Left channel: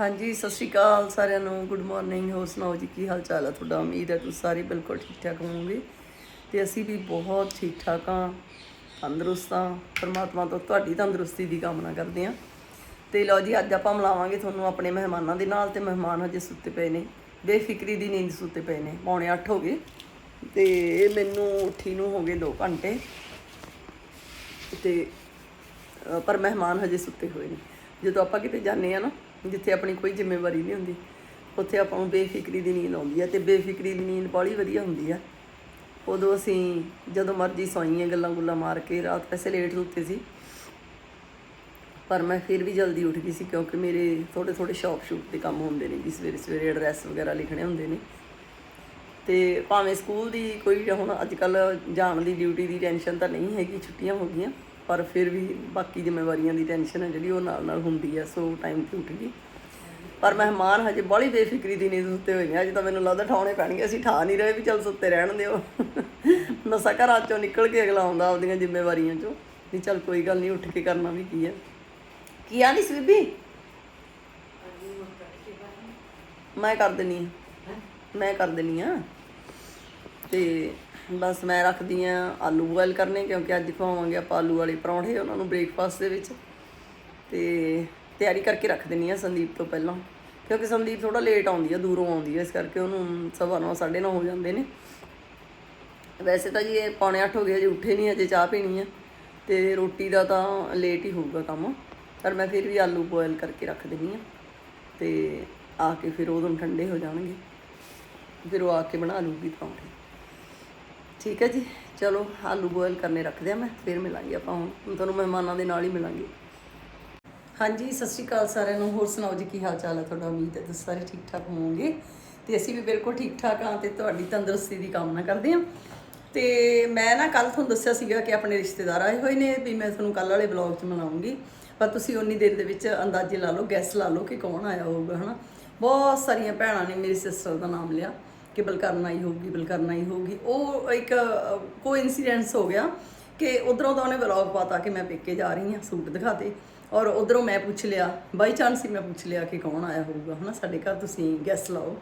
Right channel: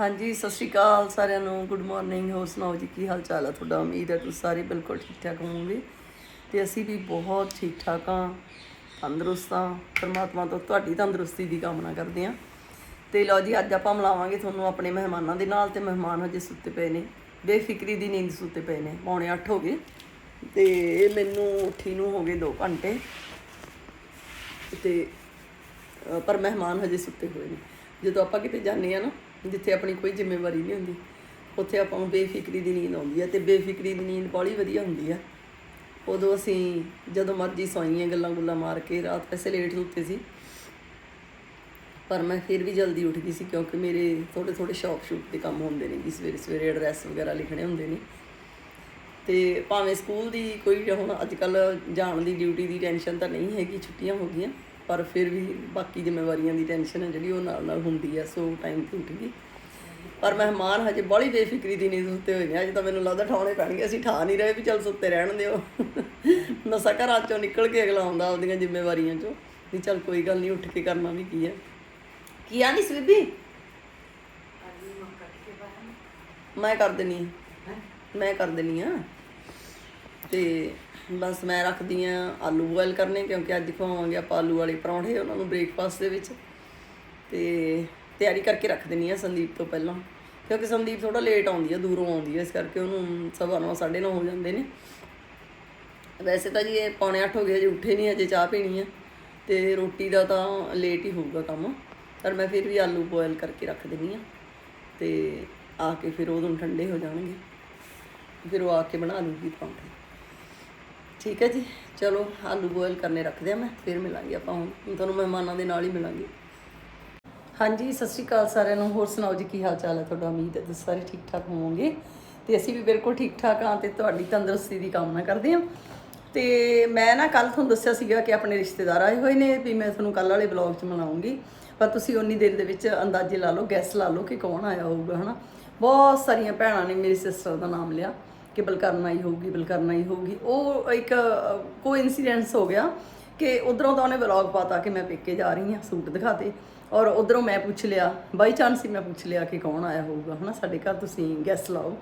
ਹਾਂਜੀ, ਸਤਿ ਸ਼੍ਰੀ ਅਕਾਲ ਸਾਰਿਆਂ ਨੂੰ। ਗੁੱਡ ਮਾਰਨਿੰਗ ਹੋਰ ਸੁਣਾਓ ਜੀ, ਕੀ ਹਾਲ ਚਾਲ ਆ ਤੁਹਾਡਾ? ਉਮੀਦ ਹੈ ਤੁਸੀਂ ਸਾਰੇ ਬਿਲਕੁਲ ਠੀਕ ਠਾਕ ਹੋਵੋਗੇ। ਤੇ ਅਸੀਂ ਵੀ ਬਹੁਤ ਠੀਕ ਠਾਕ ਹਾਂ, ਤੰਦਰੁਸਤ ਹਾਂ। ਪਰਮਾਤਮਾ ਤੋਂ ਤੁਹਾਡੀ ਤੰਦਰੁਸਤੀ ਦੀ ਕਾਮਨਾ ਕਰਦੇ ਹਾਂ। ਤੇ ਲਓ ਜੀ, ਅੱਜ ਆਪਾਂ ਮਿਲਾਵਾਂਗੇ ਤੁਹਾਨੂੰ ਆਪਣੇ ਮਹਿਮਾਨਾਂ ਦੇ ਨਾਲ। ਤੇ ਮਹਿਮਾਨ ਹਜੇ ਸੁੱਤੇ ਪਏ ਨੇ। ਬੇਫਿਕਰੀ ਦੀ ਨੀਂਦ ਸੁੱਤੇ ਪਏ ਨੇ। ਪੌਣੇ 8 ਹੋ ਗਏ। ਤੇ ਇਹ ਮੈਨੂੰ ਉੱਠੀ ਨੂੰ ਹੋ ਗਏ 2 ਘੰਟੇ। ਤੇ ਪਰ ਮਹਿਮਾਨ ਹਜੇ ਸੁੱਤੇ ਹੋਏ ਨੇ। ਜਦੋਂ ਆਪਾਂ ਕਿਤੇ ਜਾਂਦੇ ਆ ਨਾ ਜਿੱਥੇ ਆਪਣੀ ਕੋਈ ਜ਼ਿੰਮੇਵਾਰੀ ਨਹੀਂ ਹੁੰਦੀ, ਉੱਥੇ ਆਪਾਂ ਨੂੰ ਬੇਫਿਕਰੀ ਦੀ ਨੀਂਦ ਆਉਂਦੀ ਹੈ ਤੇ ਬੇਫਿਕਰੀ ਦੀ ਨੀਂਦ ਬੜੀ ਵਧੀਆ ਹੁੰਦੀ ਆ। ਉਦੋਂ ਅਸੀਂ ਜਦੋਂ ਮਰਜ਼ੀ ਸੌਈਏ ਗੱਲਾਂ ਗੁੱਲਾਂ ਮਾਰ ਕੇ, ਰਾਤ ਵੈਸੇ ਲੇਟ ਸੁੱਤੇ ਸੀ, ਪਰ ਮੈਂ ਫਿਰ ਵੀ ਜਲਦੀ ਉੱਠ ਗਈ ਸੀ ਕਿਉਂਕਿ ਮੇਰੇ ਥੋੜੇ ਥੋੜੇ ਸ਼ੌਪ ਸ਼ੂਪ ਦੇ ਕੰਮ ਹੁੰਦੇ ਨੇ ਕਿ ਸਵੇਰੇ ਸਵੇਰੇ ਐਡਰੈਸ ਵਗੈਰਾ ਲਿਖਣੇ ਹੁੰਦੇ ਨੇ। ਤੇ ਭਾਵੇਂ ਸਕੂਲ ਦੀ ਕੋਈ ਹੁਣ ਅੱਜ ਕੱਲ ਜਾਣ ਦੀ ਡਿਊਟੀ ਦੀ ਟੈਨਸ਼ਨ ਤਾਂ ਨਹੀਂ ਹੈਗੀ, ਛੁੱਟੀਆਂ ਹੋ ਗਈਆਂ ਪਰ ਫਿਰ ਵੀ ਬਾਕੀ ਜ਼ਿੰਮੇਵਾਰੀਆਂ ਦੀ ਟੈਨਸ਼ਨ ਹੈ ਜਿਹੜੀ ਉਹ ਨਾਲ ਨਾਲ ਹੁੰਦੀ ਹੈ, ਸੋ ਟਾਈਮ ਤੇ ਉੱਠ ਗਈ। ਪਰ ਮਹਿਮਾਨ ਹਜੇ ਬੜੀ ਬੇਫਿਕਰੀ ਦੀ ਨੀਂਦ ਸੁੱਤੇ ਹੋਏ ਨੇ, ਅਜੇ ਤਾਂ ਮੈਨੂੰ ਲੱਗਦਾ ਠਾਉਣੇ ਪੈਣਗੇ, ਅਸੀਂ ਠਾ ਨਹੀਂ ਰਹੇ ਵੀ ਚੱਲ ਸੁੱਤੇ ਰਹਿਣ ਦਿਓ। ਨਸਾ ਘਰਾਂ ਚੋਂ ਨਿਕਲ ਕੇ ਅਗਲਾ ਆਉਂਦਾ ਆਪਦੀਆਂ ਜ਼ਿੰਮੇਵਾਰੀਆਂ ਚੋਂ, ਵੀ ਚੱਲ ਕੋਈ ਗੱਲ ਨਹੀਂ, ਉੱਠ ਕੇ ਕਰਨਾ ਵੀ ਕੀ ਹੈ। ਕੀ ਆਂਦੀ ਸੀ ਬੀਬੀ ਮੈਂ ਕਰ ਦਿੰਨੀ ਆ। ਮੈਂ ਕਰ ਦਿੰਨੀ ਆ। ਤੇ ਬਸ ਮੈਂ ਰੱਖਦੀ ਆ ਆਲੂ ਬੋਇਲ ਕਰਨੇ, ਕਿਉਂਕਿ ਅੱਜ ਖਵਾਵਾਂਗੇ ਆਪਾਂ ਆਲੂ ਵਾਲੇ ਪਰੌਂਠੇ ਉਹਨਾਂ ਨੂੰ ਬ੍ਰੇਕਫਾਸਟ ਦੇ ਵਿੱਚ। ਤੇ ਤਿਆਰੀ ਕਰਕੇ ਰੱਖ ਦਿੰਨੀ ਆ ਸੰਦੀਪ ਤੋਂ ਪਹਿਲਾਂ, ਕਿਉਂਕਿ ਸੰਦੀਪ ਥੋੜਾ ਲੇਟ ਆਉਂਦੀ ਆ, ਦੂਰੋਂ ਆਉਂਦੀ ਆ, ਇਸ ਕਰਕੇ ਉਹਨੂੰ ਸਵਾ ਨੌ, ਸਾਢੇ ਨੌ ਹੋ ਜਾਂਦੇ ਨੇ। ਵੈਸੇ ਤਾਂ ਜੀ ਇਹ ਪੌਣੇ 8 ਹੋ ਗਏ ਅਜੇ ਉੱਠੇ ਨਹੀਂ ਅਜੇ ਚਾਹ ਪੀਣੀ ਆ, ਤੇ ਰੋਟੀ ਦਾ ਤਾਂ ਲੇਟ ਹੀ ਹੋਊਗਾ ਕੰਮ, ਪਰ ਮੈਂ ਫਿਰ ਵੀ ਆਲੂ ਬੋਇਲ ਕਰਕੇ ਰੱਖ ਦਿੰਨੀ ਆ, ਤੇ ਆ ਕੇ ਫਿਰ ਉਦੋਂ ਠੰਡੇ ਹੋ ਜਾਣਗੇ, ਫਿਰ ਉਹ ਆ ਕੇ ਬਣਾ ਲੂਗੀ ਪਰੌਂਠੇ। ਠੀਕ ਹੈ ਜੀ। ਚਲੋ, ਆਲੂ ਬੋਇਲ ਕਰਨੇ ਰੱਖਦੇ ਆ ਮੈਂ, ਫਿਰ ਮਿਲਾਂਗੇ ਆਪਾਂ ਹੁਣ। ਹੁਣ ਤੁਹਾਨੂੰ ਮਹਿਮਾਨਾਂ ਦੇ ਨਾਲ ਹੀ ਮਿਲਾਂਗੇ। ਹਾਂਜੀ, ਸਤਿ ਸ਼੍ਰੀ ਅਕਾਲ ਸਾਰਿਆਂ ਨੂੰ। ਹੋਰ ਸੁਣਾਓ ਜੀ, ਕੀ ਹਾਲ ਚਾਲ ਹੈ ਤੁਹਾਡਾ? ਉਮੀਦ ਹੈ ਤੁਸੀਂ ਸਾਰੇ ਠੀਕ ਠਾਕ ਹੋਵੋਗੇ। ਤੇ ਅਸੀਂ ਵੀ ਬਿਲਕੁਲ ਠੀਕ ਠਾਕ ਹਾਂ ਤੇ ਤੁਹਾਡੀ ਤੰਦਰੁਸਤੀ ਦੀ ਕਾਮਨਾ ਕਰਦੇ ਹਾਂ। ਤੇ ਮੈਂ ਨਾ ਕੱਲ ਤੁਹਾਨੂੰ ਦੱਸਿਆ ਸੀਗਾ ਕਿ ਆਪਣੇ ਰਿਸ਼ਤੇਦਾਰ ਆਏ ਹੋਏ ਨੇ ਵੀ ਮੈਂ ਤੁਹਾਨੂੰ ਕੱਲ ਵਾਲੇ ਬਲੌਗ 'ਚ ਮਿਲਾਉਂਗੀ। ਪਰ ਤੁਸੀਂ ਉਨੀ ਦੇਰ ਦੇ ਵਿੱਚ ਅੰਦਾਜ਼ੇ ਲਾ ਲਓ ਗੈਸ ਲਾ ਲਓ ਕਿ ਕੌਣ ਆਇਆ ਹੋਊਗਾ, ਹਨਾ? ਬਹੁਤ ਸਾਰੀਆਂ ਭੈਣਾਂ ਨੇ ਮੇਰੀ ਸਿਸਟਰ ਦਾ ਨਾਮ ਲਿਆ। ਕਿ ਬਲਕਰਨਾ ਹੀ ਹੋਊਗੀ ਬਲਕਰਨਾ ਆਈ ਹੋਊਗੀ। ਉਹ ਇੱਕ ਕੋਇਨਸੀਡੈਂਸ ਹੋ ਗਿਆ ਕਿ ਉਧਰੋਂ ਤਾਂ ਉਹਨੇ ਵਲੌਗ ਪਾਤਾ ਕਿ ਮੈਂ ਪੇਕੇ ਜਾ ਰਹੀ ਹਾਂ ਸੂਟ ਦਿਖਾਤੇ ਔਰ ਉਧਰੋਂ ਮੈਂ ਪੁੱਛ ਲਿਆ ਬਾਈ ਚਾਂਸ ਹੀ ਮੈਂ ਪੁੱਛ ਲਿਆ ਕਿ ਕੌਣ ਆਇਆ ਹੋਊਗਾ, ਹਨਾ? ਸਾਡੇ ਘਰ ਤੁਸੀਂ ਗੈਸਟ ਲਾਓ।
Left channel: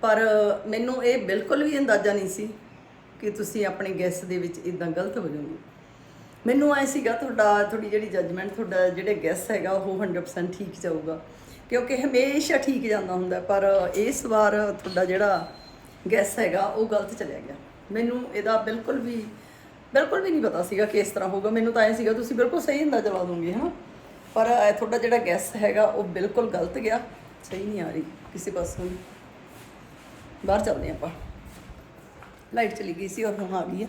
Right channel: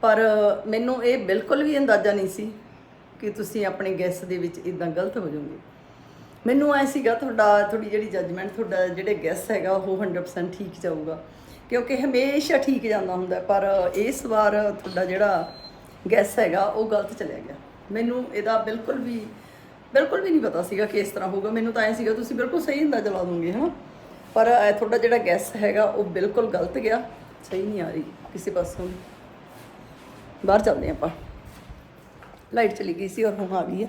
ਪਰ ਮੈਨੂੰ ਇਹ ਬਿਲਕੁਲ ਵੀ ਅੰਦਾਜ਼ਾ ਨਹੀਂ ਸੀ ਕਿ ਤੁਸੀਂ ਆਪਣੇ ਗੈਸ ਦੇ ਵਿੱਚ ਇਦਾਂ ਗਲਤ ਹੋ ਜਾਓਗੇ। ਮੈਨੂੰ ਐ ਸੀਗਾ ਤੁਹਾਡਾ, ਤੁਹਾਡੀ ਜਿਹੜੀ ਜੱਜਮੈਂਟ ਤੁਹਾਡਾ ਜਿਹੜੇ ਗੈਸ ਹੈਗਾ, ਉਹ 100% ਠੀਕ ਜਾਊਗਾ। ਕਿਉਂਕਿ ਹਮੇਸ਼ਾ ਠੀਕ ਜਾਂਦਾ ਹੁੰਦਾ, ਪਰ ਇਸ ਵਾਰ ਤੁਹਾਡਾ ਜਿਹੜਾ ਗੈਸ ਹੈਗਾ, ਉਹ ਗਲਤ ਚਲਿਆ ਗਿਆ। ਮੈਨੂੰ ਇਹਦਾ ਬਿਲਕੁਲ ਵੀ ਬਿਲਕੁਲ ਵੀ ਨਹੀਂ ਪਤਾ ਸੀਗਾ ਕਿ ਇਸ ਤਰ੍ਹਾਂ ਹੋਊਗਾ। ਮੈਨੂੰ ਤਾਂ ਐ ਸੀਗਾ, ਤੁਸੀਂ ਬਿਲਕੁਲ ਸਹੀ ਅੰਦਾਜ਼ਾ ਲਾ ਦੋਗੇ ਹਾਂ ਪਰ ਤੁਹਾਡਾ ਜਿਹੜਾ ਗੈਸ ਹੈਗਾ, ਉਹ ਬਿਲਕੁਲ ਗਲਤ ਗਿਆ। ਸਹੀ ਨਹੀਂ ਆ ਰਹੀ ਕਿਸੇ ਪਾਸੋਂ ਬਾਹਰ ਚੱਲਦੇ ਆਪਾਂ। ਲਾਈਟ ਚਲੀ ਗਈ ਸੀ ਔਰ ਹੁਣ ਆ ਗਈ ਹੈ।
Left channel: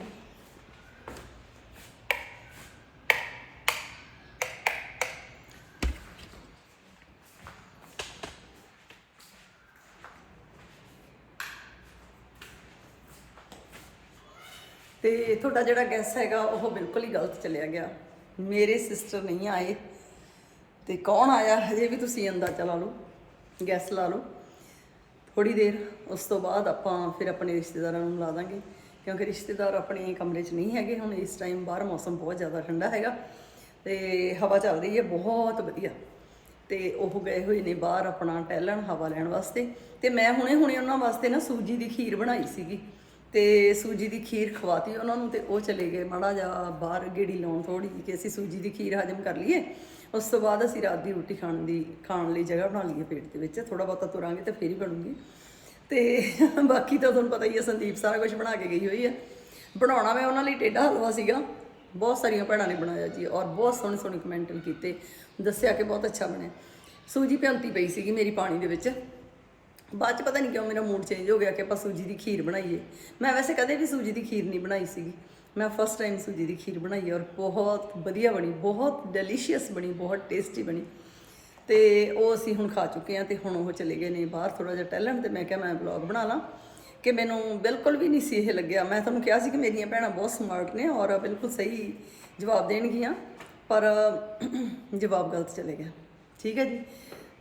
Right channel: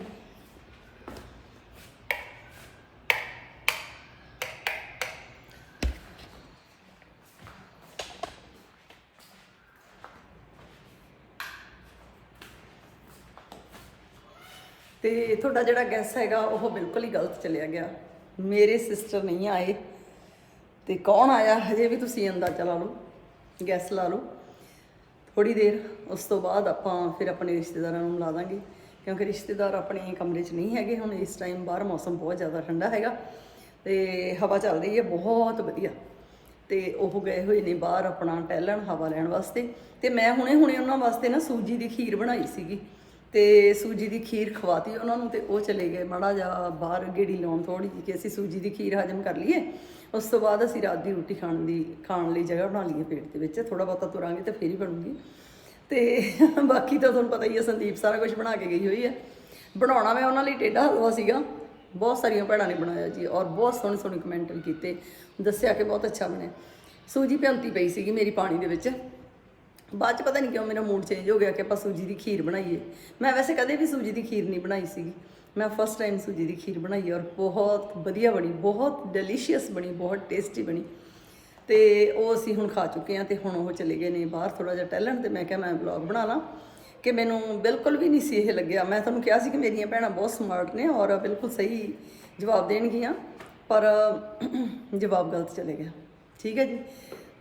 ਤੇ ਤੁਹਾਡਾ ਜਿਹੜਾ ਗੈਸ ਹੈਗਾ, ਉਹ ਬਿਲਕੁਲ ਹੀ ਗਲਤ ਚੱਲਿਆ ਗਿਆ। ਮੇਰੇ ਸਿਸਟਰ ਨਹੀਂ ਆਏ। ਤੇ ਕੌਣ ਆਇਆ? ਹਜੇ ਵੀ ਤੁਸੀਂ ਅੰਦਾਜ਼ਾ ਲਾ ਲਓ ਗੈਸ ਲਾ ਲਓ। ਥੋੜੀ ਦੇਰ, ਉਸ ਤੋਂ ਬਾਅਦ ਆਪਾਂ ਫਿਰ ਆਪਣੇ ਰਿਸ਼ਤੇਦਾਰਾਂ ਨੂੰ ਮਿਲਾ ਦਾਂਗੇ। ਕਿਉਂਕਿ ਰਿਸ਼ਤੇਦਾਰ ਆਪਣੇ ਕਮਰੇ 'ਚ ਨਹੀਂ ਹੈਗੇ, ਹੁਣ ਇਸ ਟਾਈਮ ਬਾਹਰ ਮੌਸਮ ਬਹੁਤ ਜ਼ਿਆਦਾ ਠੰਡਾ ਹੈਗਾ। ਤੇ ਹਵਾ ਚੱਲ ਰਹੀ ਹੈ, ਬਹੁਤ ਵਧੀਆ। ਤੇ ਉਹ ਗਏ ਹੋਏ ਨੇ ਬਾਹਰ ਆਪਣਾ ਟਹਿਲਣ, ਹਵਾ ਲੈਣ ਵਾਸਤੇ। ਤੇ ਮੈਂ ਹੁਣੇ ਹੁਣੇ ਉਹਨਾਂ ਵਾਸਤੇ ਨਾ ਸੂਜੀ ਦੀ ਖੀਰ ਬਣਾਈ ਸੀਗੀ। ਤੇ ਸੂਜੀ ਦੀ ਖੀਰ ਖਵਾਤੀ ਉਹਨਾਂ ਨੂੰ ਤੇ ਉਹ ਚਲੇ ਗਏ। ਮਾੜਾ ਜਿਹਾ ਬਾਹਰ ਗੇੜੀ ਲਾਉਣ ਥੋੜੀ ਜਿਹੀ ਕਿ ਅਸੀਂ ਸੂਜੀ ਦੀ ਖੀਰ ਹਜਮ ਕਰ ਲਈਏ। ਉਸ ਤੋਂ ਬਾਅਦ ਅਸੀਂ ਰਾਤ ਦੀ ਰੋਟੀ ਖਾਣ ਦੀ, ਖਾਣ ਲਈ ਜਗ੍ਹਾ ਬਣਾ ਲਈਏ ਪੇਟ ਦੇ ਵਿੱਚ। ਥੋੜਾ ਬਹੁਤਾ ਤੁਰਾਂਗੇ ਤੇ ਫੇਰ ਹੀ ਬਣੂਗੀ। ਤੇ ਬਾਕੀ ਤਾਂ ਤੁਹਾਨੂੰ ਪਤਾ ਹੀ ਹੈ, ਸੰਦੀਪ ਸਾਰਾ ਕੁਝ ਬਣਾ ਕੇ ਗਈ ਹੋਈ ਹੈ। ਬਣਾਉਣਾ ਮੈਂ ਉਹਨਾਂ ਲਈ ਟੇਢਾ ਹਲਵਾ ਸੀਗਾ। ਬਹੁਤ ਸਾਰੀਆਂ ਭੈਣਾਂ ਨੇ ਬਣਾਇਆ ਜੀ ਔਰ ਬਹੁਤ ਸੋਹਣੇ ਸੋਹਣੇ ਕਮੈਂਟ ਵੀ ਕੀਤੇ। ਦੱਸਿਆ ਕਿ ਬਹੁਤ ਅੱਛਾ ਬਣਿਆ। ਸੂਜੀ ਭਿਉਂਤੀ ਪਈ ਸੀਗੀ ਮੇਰੀ ਪਾਣੀ ਦੇ ਵਿੱਚ। ਬਾਅਦ ਚ ਪਤਾ ਨਹੀਂ ਕਿਉਂ ਮੇਰਾ ਮੂਡ ਚੇਂਜ ਹੋ ਗਿਆ ਕਿ ਆਪਾਂ ਸੂਜੀ ਦੀ ਖੀਰ ਬਣਾਈਏ। ਮੈਂ ਵੈਸੇ ਕਦੇ ਵੀ ਸੂਜੀ ਦੀ ਖੀਰ ਨਹੀਂ ਬਣਾਈ ਸੀਗੀ। ਮੈਂ ਫਸਟ ਟਾਈਮ ਸੂਜੀ ਦੀ ਖੀਰ ਬਣਾਈ ਔਰ ਬਹੁਤ ਵਧੀਆ ਬਣੀ, ਬਹੁਤ ਡੈਲੀਸ਼ੀਅਸ ਬਣੀ, ਬਹੁਤ ਟੇਸਟੀ ਬਣੀ। ਤੇ ਉਹ ਅਸੀਂ ਹੁਣ ਖਾ ਚੁੱਕੇ ਹਾਂ ਤੇ ਹੁਣ ਉਹ ਚਲੇ ਗਏ ਨੇ ਬਾਹਰ ਥੋੜਾ ਜਿਹਾ ਟੈਲੈਂਟ ਤੇ ਮੈਂ ਕਿਹਾ ਮੈਂ ਵਲੌਗ ਬਣਾ ਲਾਂ ਕਿ ਮੈਨੂੰ ਬਿਲਕੁਲ ਵੀ ਨਹੀਂ ਸੀ ਇਹ ਲੱਗਿਆ। ਮੈਂ ਤੁਹਾਨੂੰ ਕਿਹਾ ਸੀ ਕਿ ਮੇਰੀਆਂ ਭੈਣਾਂ ਬਹੁਤ ਸਮਾਰਟ ਨੇ ਔਰ ਬਿਲਕੁਲ ਸਹੀ ਜਵਾਬ ਦੇਣਗੀਆਂ, ਪਰ ਜਵਾਬ ਗਲਤ ਚਲੇ ਗਿਆ। ਠੀਕ ਹੈ ਜੀ?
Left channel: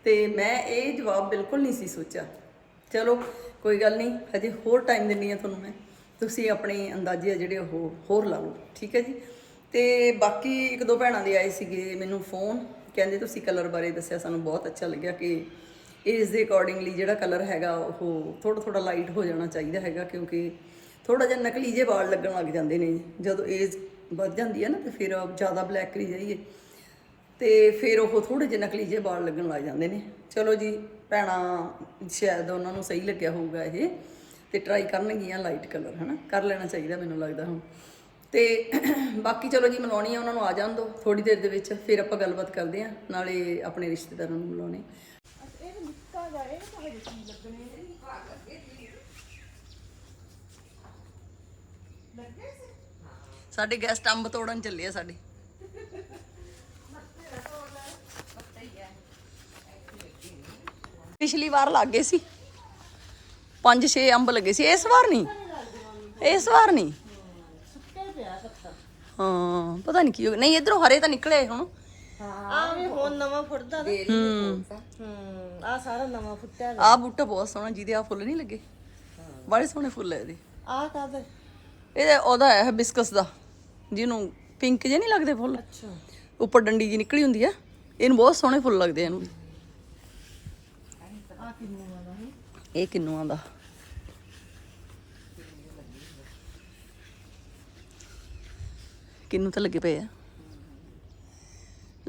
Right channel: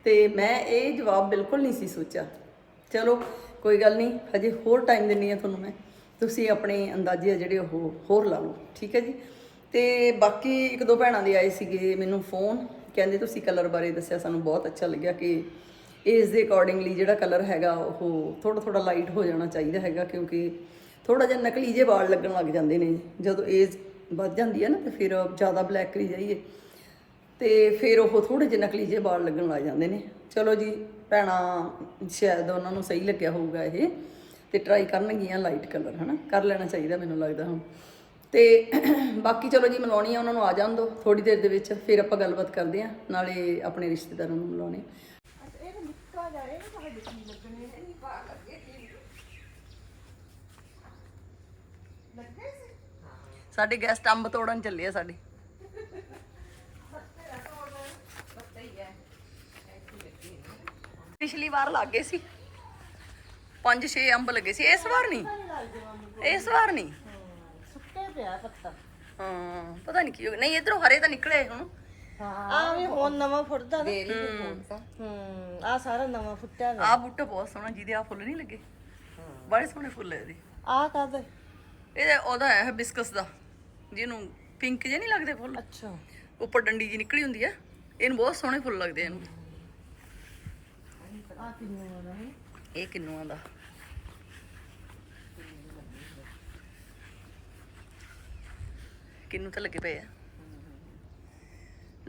ਤੇ ਮੈਂ ਇਹ ਜਵਾਬ ਬਿਲਕੁਲ ਨਹੀਂ ਸੀ ਸੋਚਿਆ। ਚਲੋ, ਕੋਈ ਗੱਲ ਨਹੀਂ, ਹਜੇ ਹੋਰ ਟਾਈਮ ਦਿੰਨੀ ਆ ਤੁਹਾਨੂੰ ਮੈਂ। ਤੁਸੀਂ ਆਪਣੇ ਅੰਦਾਜ਼ੇ ਆ ਜਿਹੜੇ ਉਹ ਹੋਰ ਲਾ ਲਓ, ਠੀਕ ਹੈ ਜੀ? ਤੇ ਬਾਕੀ ਇੱਕ ਦੋ ਭੈਣਾਂ ਦੇ ਆਏ ਸੀਗੇ ਮੈਨੂੰ ਫੋਨ ਕਹਿੰਦੇ ਤੁਸੀਂ ਕਲਰ ਬਾਰੇ ਦੱਸਿਆ, ਸਾਨੂੰ ਬਹੁਤ ਅੱਛਾ ਲੱਗਿਆ ਕਿ ਏਜ ਦੇ ਅਕੋਰਡਿੰਗਲੀ ਜਿਹੜਾ ਕਲਰ ਹੈਗਾ, ਉਹ ਥੋੜਾ ਥੋੜਾ ਲਾਈਟ ਹੋ ਜਾਣਾ ਚਾਹੀਦਾ ਹੈਗਾ, ਕਿਉਂਕਿ ਥੋੜਾ ਜਿਹਾ ਨਕਲੀ ਜਿਹੇ ਵਾਲ ਲੱਗਣ ਲੱਗ ਜਾਂਦੇ ਨੇ। ਜਦੋਂ ਏਜ ਵੱਧ ਜਾਂਦੀ ਹੈ ਨਾ, ਤੇ ਫਿਰ ਜ਼ਿਆਦਾ ਬਲੈਕ ਕਰੀ ਜਾਈਏ। ਤੇ ਫਿਰ ਉਹ ਥੋੜੇ ਜਿਹੇ ਨਕਲੀ ਜਿਹੇ ਵਾਲ ਲੱਗਣ ਲੱਗ ਜਾਂਦੇ ਨੇ। ਚਲੋ ਜੀ, ਭੈਣਾ, ਸ਼ਾਇਦ ਉਹਨਾਂ ਨੂੰ ਸਹੀ ਲੱਗਿਆ ਹੋਊਗਾ ਇਹ ਤੇ ਟਰਾਈ ਕਰਨਗੀਆਂ ਲਾਈਟ ਕਲਰ ਹਨਾ? ਕਰ ਲੈਣਾ ਚਾਹੀਦਾ ਮੈਨੂੰ ਲੱਗਦਾ ਹੁਣ। ਤੇ ਬਾਕੀ ਚਲੋ ਜੀ, ਮਿਲਾਉਣੀ ਆ, ਉਹਨਾਂ ਨੂੰ ਆ ਜਾਣ ਦੋ ਥੋੜੀ ਦੇਰ ਦੇ ਵਿੱਚ, ਫਿਰ ਆਪਾਂ ਗੱਲਬਾਤ ਕਰਦੇ ਆ ਨਾਲੇ ਆਪਣੇ ਰਿਸ਼ਤੇਦਾਰਾਂ ਨੂੰ ਮਿਲਾਉਣੇ। ਸਾਡੇ ਗੈਸਟ ਅੰਬ ਤੋੜਨ ਚੱਲੇ ਆ ਸਾਡੇ। ਪਿਛਲੀ ਵਾਰ ਲੱਗ ਗਏ ਸੀ। ਪੰਜ ਛੇ ਅੰਬ ਲੱਗੇ ਸੀ। ਇਸ ਵਾਰ ਨਹੀਂ। ਇਸ ਵਾਰ ਨਹੀਂ। ਸੁੱਕੇ ਪਿਆ ਪੱਤਾ ਹਾਂ ਪਤਾ ਨਹੀਂ ਕੀ ਹੋ ਗਿਆ। ਨਹੀਂ ਇਧਰੋਂ ਹਰੇ ਤਾਂ ਨਿਕਲੇ ਹੁਣ। ਆ ਵੀ ਹੁਣ ਨਵਾਂ ਫੁੱਟਦਾ। ਨਾ ਹੂੰ। ਹੂੰ ਆ ਸਾਰਾ ਨਵਾਂ ਫੁੱਟਿਆ ਆਹ ਬੂਟਾ ਬਹੁਤ ਸੋਹਣਾ ਜਿਹਦੇ ਆ ਫੁੱਲ ਨਹੀਂ ਲੱਗੇ। ਬੜੇ ਸੋਹਣੇ ਫੁੱਲ ਹੈ ਇਹਦੇ। ਆ ਕਾਦਾ ਇਹ ਉਹਦਾ ਹੈ ਬਿਸਕਸ ਦਾ। ਜਿਹਨੂੰ ਪਿੰਕ ਜੇ ਨਹੀਂ ਲੱਗਦੇ ਫੁੱਲ? ਅੱਛਾ। ਉੱਪਰ ਡੰਡੀ ਜੀ ਨਿਕਲੀ ਹੁੰਦੀ ਆ। ਇਹਨੂੰ ਬਹੁਤ ਸੋਹਣੇ ਫੁੱਲ ਲੱਗਦੇ ਆ ਇਹਨੂੰ। ਆ ਕਿੰਨੇ ਹੋਣਾ ਹੈ ਇਹ ਕਿੰਨੂਆਂ ਦਾ? ਕਿੰਨੂ ਤਾਂ ਲੱਗੇ ਪਏ ਆ?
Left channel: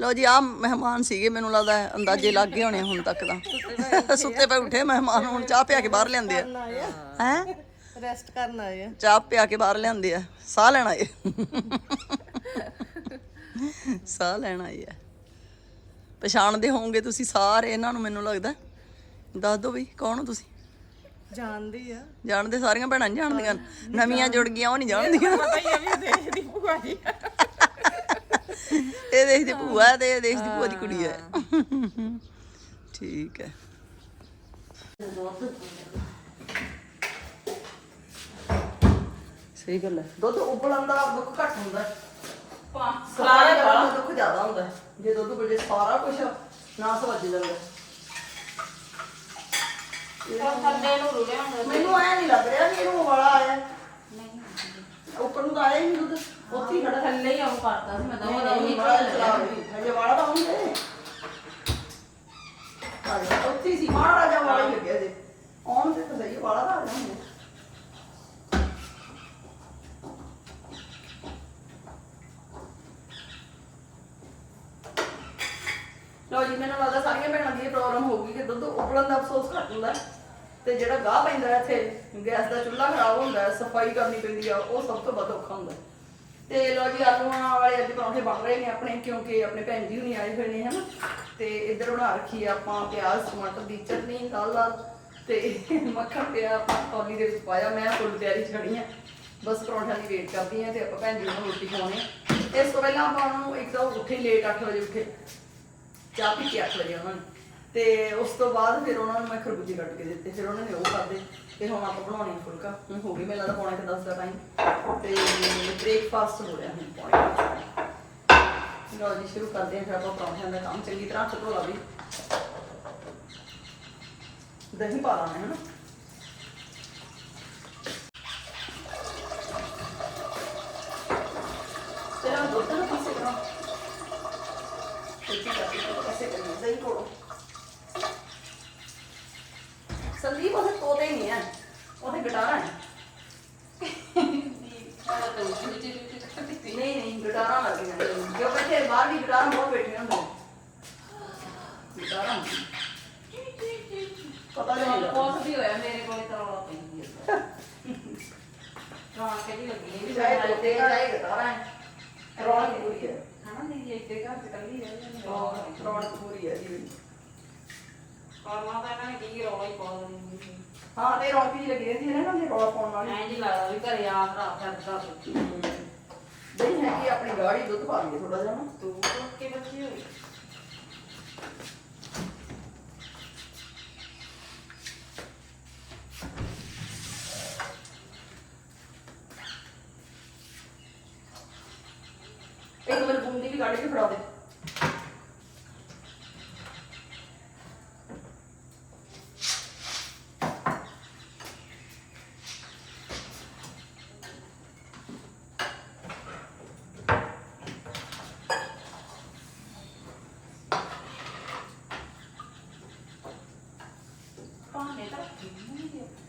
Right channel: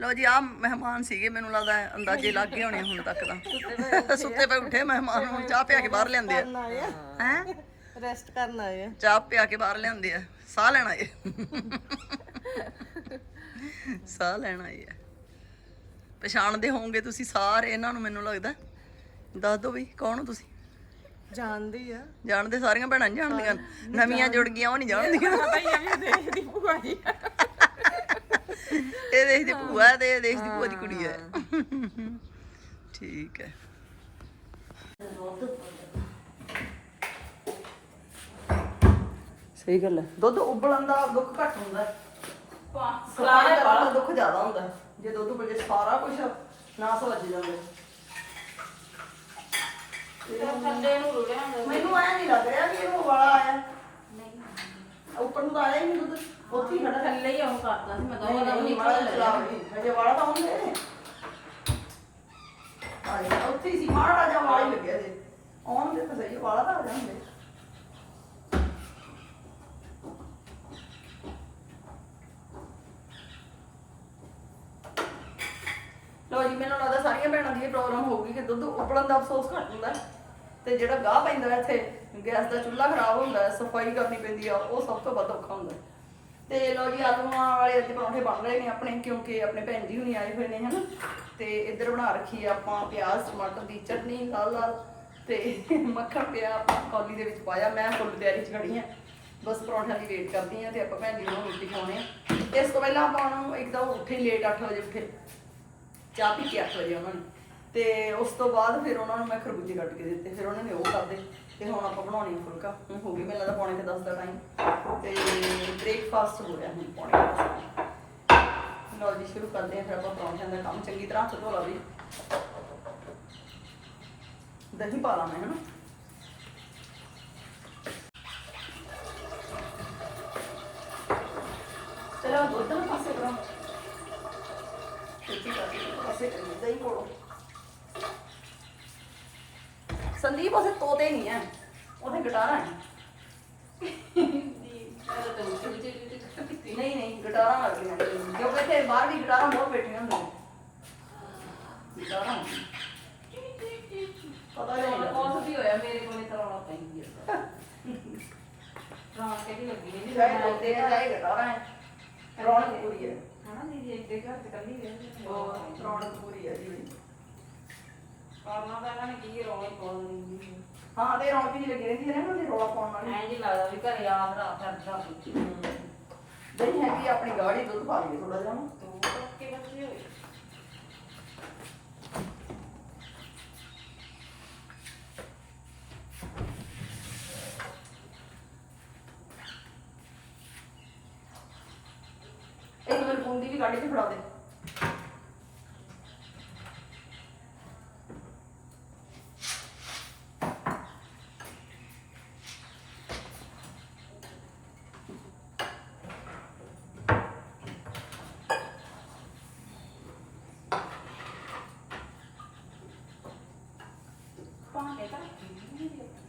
ਲਓ ਜੀ ਆ ਮਹਿਮਾਨ ਸੀਗੇ ਮੈਨੂੰ ਲੱਗਦਾ ਹੈ ਅੰਦਾਜ਼ੇ ਲੱਗ ਗਏ ਹੋਣੇ ਹੁਣ ਤੱਕ ਤਾਂ। ਸੁੱਤੇ ਪਏ ਉੱਠੇ ਮਹਿਮਾਨ ਹੁਣ ਚਾਹ ਪਿਆ ਕੇ ਬਾਹਰ ਲਿਆਂਦੇ ਆ। ਹੈ? ਰੈਸਟ ਕਰਨ ਆਇਆ ਚਾਹ ਪਿਆ ਕੇ ਬਾਹਰ ਲਿਆਂਦੇ ਆ। ਸਾਹ ਲੈਣ ਆਏ ਸਾਹ ਲੈਣ ਆਏ ਆ। ਪਛਾਣਦੇ ਹੋਵੋਗੇ ਤੁਸੀਂ ਸਾਰੇ ਇਹਨਾਂ ਨੂੰ ਮੈਨੂੰ ਲੱਗਦਾ। ਦੱਸ ਦਿਓ ਵੀ ਕੌਣ ਹੋ ਤੁਸੀਂ? ਜਾਣਦੀ ਆ। ਜਾਣਦੇ ਸਾਰੀਆਂ ਭੈਣਾਂ ਨੀ ਜਾਣਦੀਆਂ? ਨਵੀਆਂ ਜੁੜ ਗਈਆਂ ਉਹ ਨਹੀਂ ਜਾਣਦੀਆਂ। ਪਤਾ ਹੀ ਆ ਵੀ ਦੇਖ ਦੀ ਭੂਆ ਜੀ। ਇਹ ਦੇਸ਼ ਦੀ ਭੂਆ ਤੇ ਇਹ ਦੇਸ਼ ਦੀ ਭੂਆ ਦੀ ਕੁੜੀ ਹੈ। ਠੀਕ ਹੈ। ਸਹੀ ਗੱਲ ਹੈ। ਦੁੱਧ ਉਬਲਣ ਦਾ ਦੁੱਖ ਘੱਟ ਹੁੰਦਾ ਹੈ। ਸਲਾਰੇ ਦਾ ਦੁੱਖ ਜ਼ਿਆਦਾ ਹੁੰਦਾ ਹੈ। ਜੇ ਦੁੱਧ ਉਬਲ ਜੇ ਸਾਰਾ ਕੁਝ ਨਾਸ ਵੱਜ ਜਾਂਦਾ ਥੱਲੇ ਨੂੰ ਰੁੜਿਆ ਹੁੰਦਾ ਮੈਨੂੰ ਐ ਨਹੀਂ ਲੱਗ ਰਿਹਾ ਕਿ ਇਹਨੂੰ ਵਾਲਾ ਆਇਆ। ਨਹੀਂ ਉੱਪਰ ਨੂੰ ਤਾਂ ਆਇਆ ਹੀ ਨਹੀਂ ਦੁੱਧ। ਉੱਥੇ ਹੀ ਖੜਾ ਥੱਲੇ ਹੀ ਆਉਂ ਕਰਦਾ ਸੀ ਮੈਂ ਤਾਂ ਨਹੀਂ ਨਹੀਂ ਵਾਲਾ ਚਲਾ ਹਜੇ ਵਾਲਾ ਤਾਂ ਹੁੰਦੇ ਆਏ ਉੱਥੇ ਹੀ ਸੀ। ਮਾੜਾ ਜਿਹਾ ਵਾਲਾ ਹੀ ਲੱਗਿਆ ਜੇ। ਆਉਣ ਦੇ ਤਾਂ ਸਹੀ ਵਾਲਾ ਤਾਂ ਆ ਜਾਂਦੇ ਮੈਨੂੰ ਲੱਗਦਾ ਸਾਰੀਆਂ ਭੈਣਾਂ ਦੀ ਇਹ ਪ੍ਰੋਬਲਮ ਹੋਊਗੀ ਕਿ ਦੁੱਧ ਉਬਲਣ ਦਾ ਅਫਸੋਸ ਘੱਟ ਹੁੰਦਾ ਤੇ ਜਿਹੜਾ ਗਾਹ ਪੈਂਦਾ ਇੱਥੇ, ਗੈਸ ਦਾ ਚੁੱਲ੍ਹਾ ਖਰਾਬ ਹੁੰਦਾ ਸਫ਼ਾਈ ਕਰਨੀ ਪੈਂਦੀ ਆ, ਉਹ ਸਭ ਤੋਂ ਵੱਧ ਔਖਾ ਹੁੰਦਾ ਤੇ ਲੋ ਜੀ, ਆਲੂਆਂ ਵਾਲੇ ਅੱਜ ਪਰੌਂਠੇ ਬਣ ਰਹੇ ਨੇ ਆਪਣੇ, ਕਿਉਂਕਿ ਆਪਣੇ ਭੈਣ ਜੀ ਹੁਣੀ ਆਏ ਹੋਏ ਨੇ, ਹਨਾ। ਤੇ ਇੱਧਰ ਬਣਾ ਰੱਖੀ ਆ ਆਪਾਂ ਪਿਆਜ਼, ਟਮਾਟਰ ਦੀ ਚਟਨੀ ਲਾਲ ਲਾਲ ਤੇ ਮੱਖਣ ਪਿਆ ਆਪਾਂ ਕੌਲੀ ਦੇ ਵਿੱਚ ਪਾਇਆ, ਮੈਂ ਫੁੱਲ ਤਿਆਰੀ 'ਚ ਖੜੀ ਆ। ਬਸ ਪਰੌਂਠਿਆਂ ਦੀ ਵੇਟ ਕਰਦੀ ਆ ਤੇ ਆਪਾਂ ਭੈਣ ਜੀ ਨੂੰ ਰੋਟੀ ਖਵਾਉਣੇ ਆ। ਇਸ ਤੋਂ ਪਹਿਲਾਂ ਆਪਾਂ ਉਹਨੂੰ ਇੱਕ ਤਾਂ ਉਹ ਉੱਠੇ ਲੇਟ 8 ਵਜੇ ਉੱਠੇ। ਚਾਹ ਪੀ ਕੇ 8 ਵਜੇ ਉਹਨਾਂ ਨੂੰ। ਤੇ ਉਸ ਤੋਂ ਬਾਅਦ ਫਿਰ ਉਹਨਾਂ ਨੂੰ ਮੈਂ ਖਰਬੂਜੇ ਕੱਟ ਕੇ ਦਿੱਤੇ। ਫਿਰ ਉਹਨਾਂ ਨੇ ਉਹ ਖਾਦੇ ਤੇ ਹੁਣ ਆਪਾਂ ਬਣਾਉਣੀ ਆ ਫੁਲਕਾ। ਹੁਣ ਹੋ ਗਈ ਮੈਨੂੰ ਲੱਗਦਾ ਪੌਣੇ 10 ਦਾ ਟਾਈਮ ਤੇ ਬ੍ਰੇਕਫਾਸਟ ਹੋ ਰਿਹਾ ਹੁਣ ਪੌਣੇ ਕੁ ਦਸ ਦਾ। ਲਓ ਜੀ, ਸ਼ੁਰੂ ਕਰਦੇ ਹਾਂ। ਫਿਰ ਆਪਾਂ ਪਰੌਂਠਿਆਂ ਦਾ ਕੰਮ। ਚੰਗੀ ਤਰ੍ਹਾਂ ਹੱਥ ਧੋ ਲਾ ਵੀ। ਦਹੀਂ ਪਾ ਲਾ ਮੈਂ, ਹਨਾ? ਤੇਰਾ ਦੁੱਧ ਨਾ ਪਾਸੇ ਕਰਾਂ ਛੇਤੀ ਕਰਕੇ ਪਾਸੇ ਕਰੀ ਦਹੀਂ ਕੋਲੋਂ। ਸੰਦੀਪ ਉਹਦੇ ਤੋਤੇ ਨਹੀਂ ਹੈ ਉਹਦੇ ਗਿਟਾਰਾਂ ਹੈ ਨਹੀਂ ਨਹੀਂ ਗਿਟਾਰਾਂ ਲੱਗਦੀਆਂ ਨੇ। ਜੋ ਬੈਠੇ ਬਾਹਰ ਵੀ ਗਿਟਾਰਾਂ ਬਹੁਤ ਬੈਠੀਆਂ ਹੁੰਦੀਆਂ ਨੇ। ਗਿਟਾਰਾਂ ਹੁੰਦੀਆਂ। ਪਤਾ ਨਹੀਂ ਲੱਗਦਾ। ਕੋਲ ਵੀ ਹੋਇਆ ਮੇਰੇ ਕੋਲ ਕਰਾਉਣਾ ਪੈਂਦੀ ਹੈ ਜਾਣ ਕਿਹੜੀ ਲੱਗੀ ਹੈ ਚਾਹੇ ਤੋਤੇ ਹੈ, ਚਾਹੇ ਹਨਾ ਨਹੀਂ ਇੱਕ ਦੇ ਘਰ ਚ ਕੱਲੀ ਹੈ ਉਹ ਰੌਣਕ ਪੂਰੀ ਹੈ ਜੀ ਕਰਨਾ ਤਾਂ ਇਹਨਾਂ ਨੇ ਕੀ ਰੌਲਾ ਹੀ ਪਾ ਦਿੰਦੀ ਸੀ। ਹਾਂ ਤੇ ਰੌਣਕ ਜੀ ਲੱਗੀ ਰਹਿੰਦੀ ਹੈ ਨਾ ਜੇ ਰੌਲਾ ਪਾਉਣ ਨਾਲ ਐਂ ਜੀ ਲੱਗਦਾ ਵੀ ਘਰੇ ਆ ਭਰਾ ਫਿਰਦਾ ਸੱਚੀ ਦਹੀਂ ਹੈਗੀ ਆਪਣੀ ਗਾੜੀ ਦੁੱਧ ਪਾ ਲਈਏ ਥੋੜਾ ਜਿਹਾ ਨਾ। ਤੂੰ ਕੇ ਬੱਚੀ ਹੋਈ ਇੱਕ ਵੀ ਗਾੜੀ 'ਚ ਫੜਾ ਦੇ।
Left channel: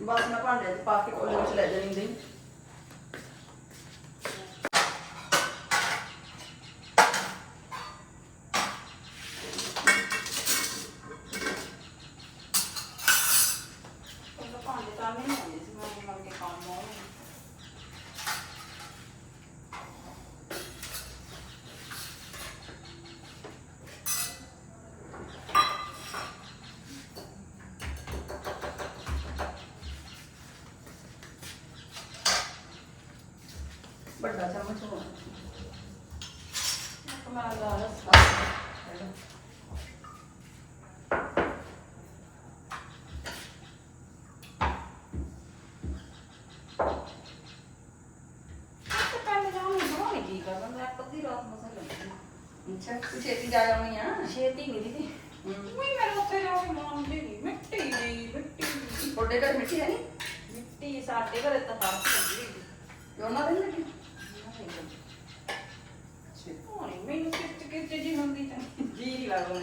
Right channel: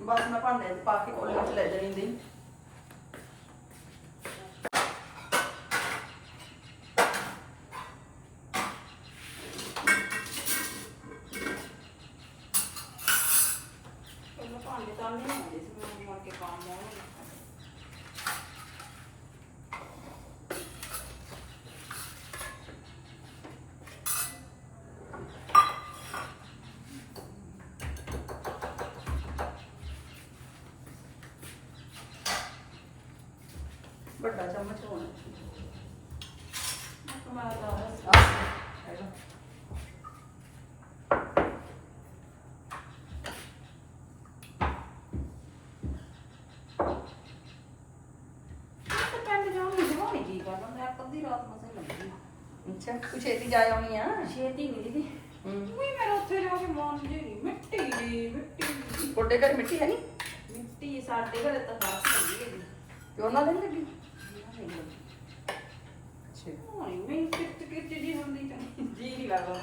ਬਸ ਮੈਂ ਭਾਂਡੇ 'ਚ ਪਾ ਕੇ ਕੋਲੇ ਵਿੱਚ ਲੈ ਜਾਣੀ ਦੀ ਪਹਿਲਾਂ ਭਾਂਡੇ ਤਾਂ ਨਹੀਂ ਹੁੰਦੇ ਸੀ ਮੈਂ ਮਰ ਕੇ ਕੰਮ ਆਉਂਦੇ ਵੱਡਾ ਚਮਚ ਹੋਣਾ। ਕਮਾਲ ਦਾ ਹੈਗਾ। ਅੱਛਾ ਤੂੰ ਛੇਤੀ ਜਾ ਆਉਣੀ ਆ ਛੇਤੀ ਨਹੀਂ ਦੀਦੀ। ਹੂੰ। ਵੀ ਮੇਰੇ ਉੱਥੇ ਜਾ ਕੇ ਮਨ ਦੀ ਨਹੀਂ। ਮਿੱਟੀ ਦੀ ਮਿੱਟੀ ਦੀ। ਤੁਹਾਡੇ ਘਰ ਮਿੱਟੀ ਹੈ ਨਹੀਂ? ਮਿੱਟੀ ਸਾਡੇ ਘਰੇ ਤਾਂ ਫ਼ਰਕ ਪੈਂਦੀ ਹੈ ਉਹਨਾਂ ਦੇ ਨੀ ਲੱਗੀ ਨਹੀਂ ਮੈਨੂੰ ਕਿੱਚ ਕਿੱਚ ਜੀ ਹੁੰਦੀ ਤਾਂ ਜੀ ਲੱਗਦਾ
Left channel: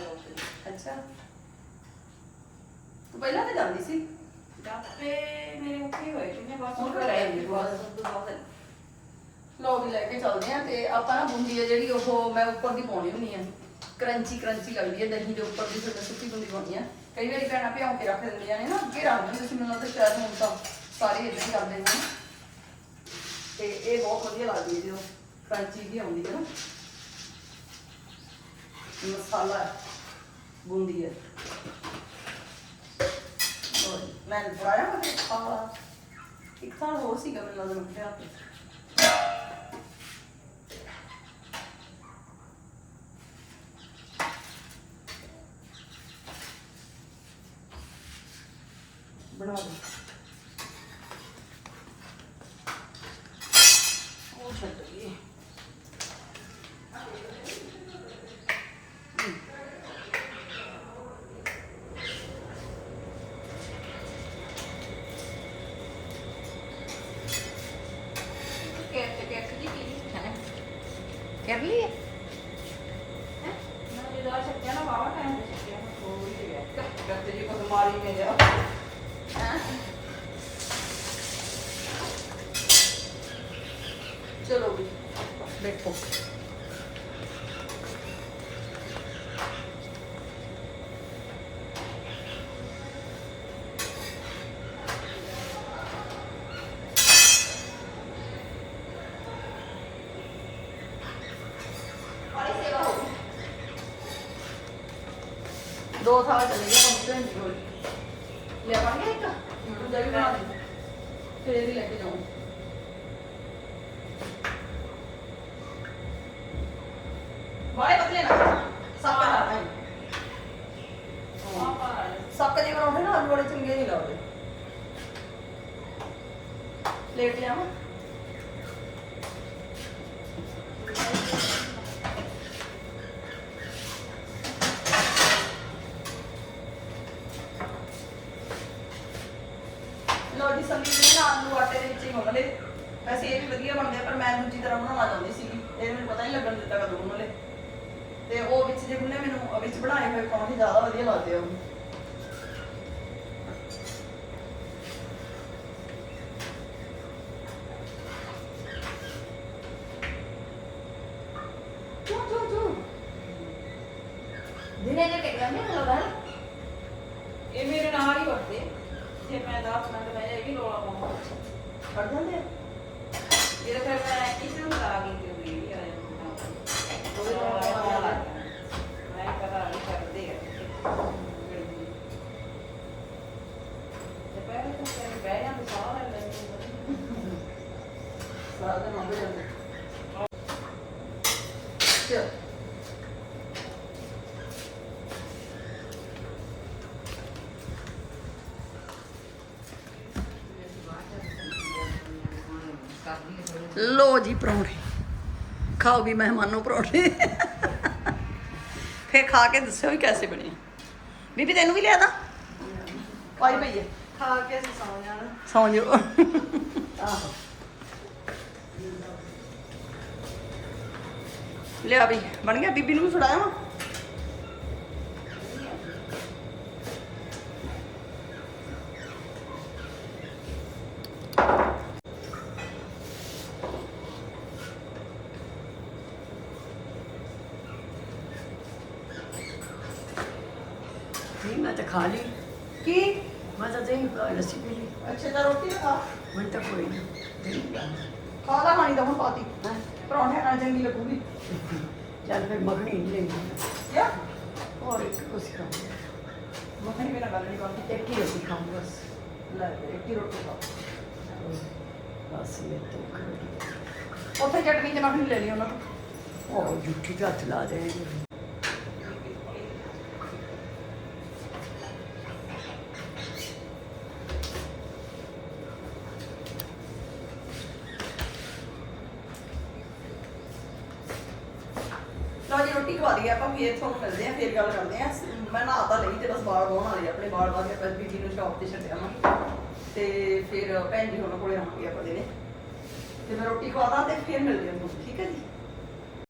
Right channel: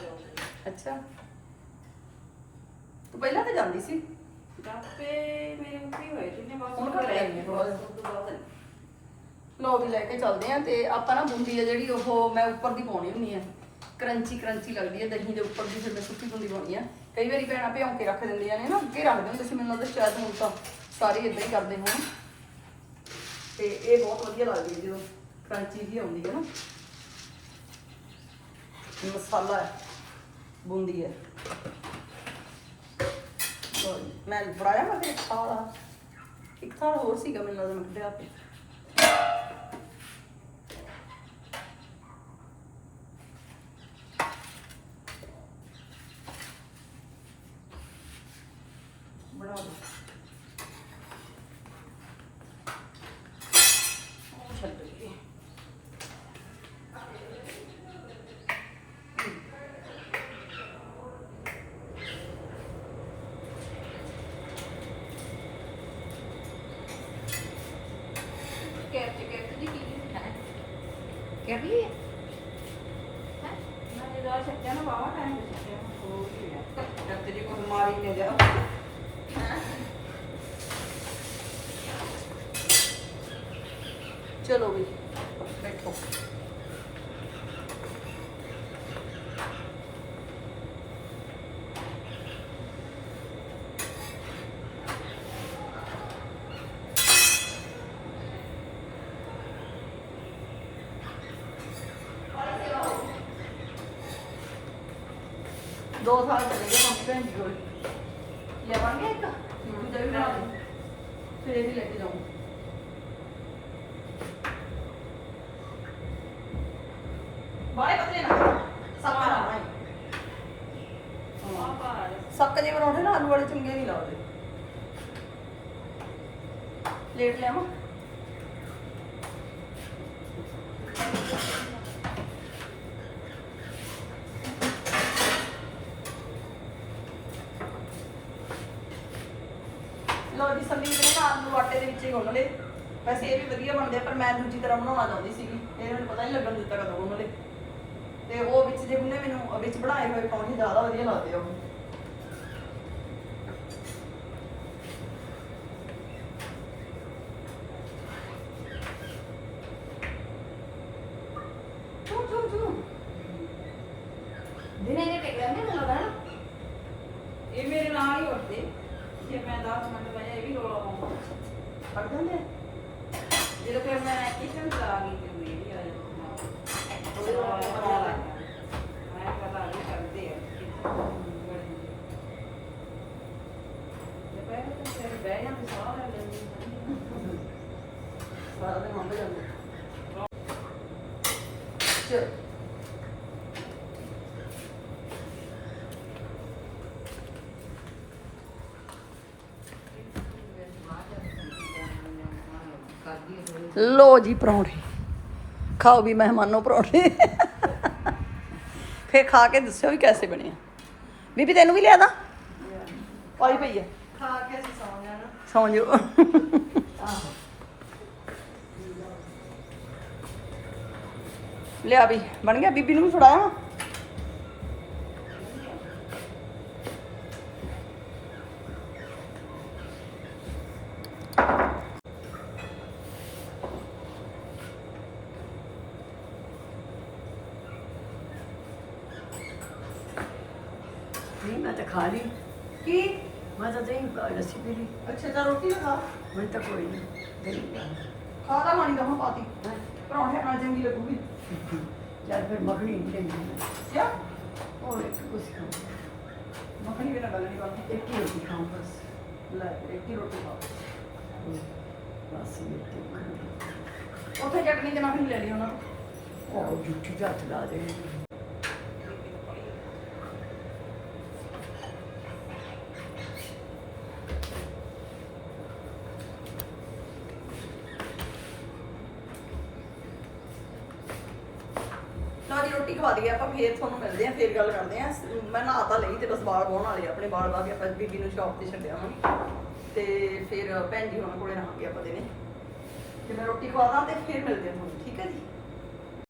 ਅੱਛਾ ਤੂੰ ਪਹਿਲਾਂ ਤਾਂ ਜਾਂਦੀ ਸੀ ਜਾਪੇ ਮੇਰੇ ਉੱਤੇ ਹੋਏ ਜਿੰਨੇ ਬਸ ਹੁਣ ਘਰੇ ਆਈ ਹੈ ਬਸ। ਉਸ ਤੋਂ ਲੋ ਵੀ ਲੈ ਕੇ ਚੱਲਦੇ ਆ ਤੇ ਆਪਾਂ ਨਾ ਬੂੰਦੀ ਆ ਜਿਹੜੀ ਉਹ ਮੈਂ ਉੱਪਰ ਦੀ ਪਾਉਣੀ ਹੁੰਦੀ ਆ ਕਰੰਚੀ ਕਰੰਚੀ ਲੱਗਦੀ ਹੈ ਦਹੀਂ ਦੇ ਉੱਪਰ ਦੀ ਫਿਰ ਸੁੱਕੀ ਬੂੰਦੀ ਪਾਉਣੀ ਆ ਕਈ ਵਾਰੀ ਭੈਣਾਂ ਭਿਉਂ ਕੇ ਰੱਖ ਦਿੰਦੀਆਂ ਨੇ ਨਾ, ਅੱਗੇ ਰੱਖ ਦਿੰਦੇ ਸੀ, ਮੈਨੂੰ ਲੱਗਦਾ ਸ਼ਾਇਦ ਹੁਣ ਤਾਂ ਸਾਰੇ ਇਦਾਂ ਹੀ ਕਰਦੇ ਹੋਣ ਤੇ ਇਹ ਬਹੁਤ ਵਧੀਆ ਲੱਗਦੀ ਹੈ ਜਦੋਂ ਕਰੰਚੀ ਵੀ ਆਉਂਦੀ ਹੈ ਨਾ। ਮਸਾਲਾ ਹੈ, ਬੂੰਦੀ ਹੈ। ਮੈਂ ਫੜਾਇਆ ਮੈਂ ਖਾ ਖਾਲਾ ਇੱਕ ਥਾਲ ਹੋਰ ਸੀਗਾ ਮੈਨੂੰ ਲੱਗਦਾ ਮੈਂ ਕਿਹਾ ਤੇ ਬਣਾ ਲਓ ਉਹ ਛੱਡ ਗਈ ਕੈਫੇ ਕੈਫੇ ਦੀ ਕੀ ਖਾਣਾ ਕਰ ਲਈ ਹੈ ਨਾ ਜਿਹੜਾ ਛੱਡਿਆ ਨਾ ਵਾਵਾ ਟਾਈਮ ਤੇ ਛੱਡਿਆ ਹੋ ਹੀ ਗਿਆ ਕਰਤੇ ਜੀ ਕੋ ਮਾਰੀ ਮੇ ਜਾ ਚਲੋ ਵੀ। ਬੈਠੋ ਦੋ ਸਾਲ ਚਲੇ ਗਏ ਕੰਪਲੇਂਟ ਹੋਈ ਲਿਆਵਾਂਗੇ ਇੱਕ ਦੂਜਾ ਵੀ ਬਣਾ ਦੇ ਫਿਰ ਇਹ ਵੀ ਲੈ ਕੇ ਜਾਊਂ ਬਾਰੇ ਪਤਲੇ ਨਾ। ਸਾਪਾ ਨਾ ਪਾ ਸੱਕ ਜੇ ਬਣਾਉਂਦੇ ਨਾ ਆਲੂ ਵਾਲੇ ਚੰਗੇ ਨਹੀਂ ਲੱਗਦੇ। ਪਲੇਟ ਲਿਆਵਾਂ। ਲਓ ਜੀ ਸੰਦੀਪ ਨੇ ਨਾ ਆਲੂ ਆਟੇ ਦੇ ਵਿੱਚ ਹੀ ਗੁੰਨ ਲਏ। ਵੈਸੇ ਇਹ ਵੀ ਵਧੀਆ ਬਣਦੇ ਆ ਪਰ ਮੈਂ ਦੂਜੀ ਤਰ੍ਹਾਂ ਬਣਾਉਣਾ ਚਾਹੁੰਦੀ ਸੀਗੀ। ਇਹ ਮੈਨੂੰ ਪਤਾ ਨਹੀਂ ਲੱਗਣ ਦਿੱਤਾ ਕਦੋਂ ਗੁੰਨ ਲਏ। ਤੇ ਉਹ ਵਿੱਚ ਜੇ ਗੁੰਨੇ ਮੈਨੂੰ ਵਿੱਚ ਬਣਾਏ ਹੋਏ ਪਰੌਂਠੇ ਜ਼ਿਆਦਾ ਵਧੀਆ ਲੱਗਦੇ ਆ ਉਹ ਚੂ ਚੂ ਚੂ ਦਿਨੇ ਜੇ ਟਿਕ ਜਾਂਦੇ ਨਾ ਲੱਗਦਾ ਨਾ ਇਹ ਮੇਰੇ ਨਾਲ ਹੀ ਵਰਤੇ ਜੇ ਮੈਂ 10 ਮਿੰਟ ਬਹਿ ਜਾ ਇਹ ਵੀ ਰੋਲਾ ਪਾਉਂਦਾ ਫੜ ਜਾਂਦੇ ਇਹ ਫਿਰ ਮੈਂ ਕਿਚਨ ਕਰਾ ਗਈ ਤੇ ਵੀ ਆ ਜਾਂਦਾ ਉਹਦੇ ਰੋਲਾ ਪਾਉਂਦਾ ਮੈਂ ਕਰਾ ਨਹੀਂ ਕਰਦੇ ਆ ਇਹ ਪਹਿਲੇ ਤਾਂ ਫਿਰ ਬਹਿ ਜਾਂਦੇ ਸਾਹ ਲੈ ਲੈਂਦੇ ਸਾਰਾ ਦਿਨ ਮੰਗੇ ਜਾਂਦੇ ਚਲ ਲੋ ਜੀ ਪਰੌਂਠੇ। ਖਾਓ ਵੀ ਮਹਿਮਾਨੋ ਪਰੌਂਠੇ। ਫੇਰ ਖਾ ਕੇ ਦੱਸਿਓ ਵੀ ਕੈਸੇ ਬਣੇ। ਬੀਬੀ ਤੈਨੂੰ ਵੀ ਲਿਆ ਦਾ ਪਾਈ ਪਈ ਹੈ ਖਾ ਕੇ ਅਸੀਂ ਸੌ ਜਾਣਾ। ਸੌਂ ਜਾਓ। ਲਿਆ ਵੀ। ਬਣ ਗਿਆ? ਬੀਬੀ ਨੂੰ ਵੀ ਫੜਾਇਆ ਵਾ? ਨਹੀਂ ਮੈਂ ਤਾਂ ਖਾ ਲਈ। ਕੀ? ਮੈਂ ਤਾਂ ਦਹੀਂ ਪਾ- ਲੱਸੀ ਪੀ ਲਈ। ਅੱਛਾ ਤਾਂ ਰੋਟੀ ਖਾ। ਮੈਨੂੰ ਤਾਂ ਕੋਈ ਨਹੀਂ ਦਹੀਂ ਪਾ ਖਾ ਦਾ ਤਾਂ ਹੁਣ ਪਾਤੀ ਪਰੌਂਠਿਆਂ ਨਾਲ ਚੰਗੀ ਲੱਗੂਗੀ। ਜਦ ਫਿਰ ਮੱਖਣੀ ਨਹੀਂ ਲੈਣੀ ਕਿਆ? ਔਰ ਕੁਛ ਖਾਂ ਮੱਖਣੀ ਬਿਨਾਂ ਗੱਲ ਨਹੀਂ ਕਰਦੀ। ਇੱਕ ਹੀ ਅਸੀਂ ਖਾਂ ਬਸ। ਲੈ ਇੱਕ ਹੀ ਰੋਟੀ ਖਾ। ਬਸ ਇਹ ਤੋਂ ਖਾਂ ਉੱਥੇ ਚਟਨੀ ਚ ਮੱਖਣੀ ਲੈ ਲਈ ਉਹਨਾਂ ਤੋਂ। ਉਹ ਜੁੱਠੀ ਦਾ ਹੱਥ ਲਾ ਦੇ ਲਓ ਜੀ ਰੋਟੀ ਖਵਾ ਦਈਏ ਆਪਾਂ ਫੇਰ ਤੁਹਾਨੂੰ ਮਿਲਦੇ ਆ, ਫੇਰ ਗੱਲ ਕਰਦੇ ਆ। ਮੈਂ ਨਹਾ ਤਾਂ ਲਈ ਤੇ ਬਸ ਬਾਲ ਵਾਉਣ ਵਾਲੇ ਆਪਣੇ ਬਾਲ ਵਾ ਕੇ ਆਪਾਂ ਬੀਬੀ ਨੂੰ ਸ਼ਾਪ ਤੇ ਛੱਡਿਆ ਮੈਂ ਤੇ ਫਿਰ ਭੈਣ ਜੀ ਉਹਨਾਂ ਕੋਲੇ ਰਹਾਂਗੇ ਆਪਾਂ ਦਿਨੇ। ਤੇ ਮੈਂ ਰੋਟੀ ਖਵਾਦਾਂ ਤੇ ਫੇਰ ਮਿਲਦੇ ਹਾਂ ਠੀਕ ਹੈ ਜੀ?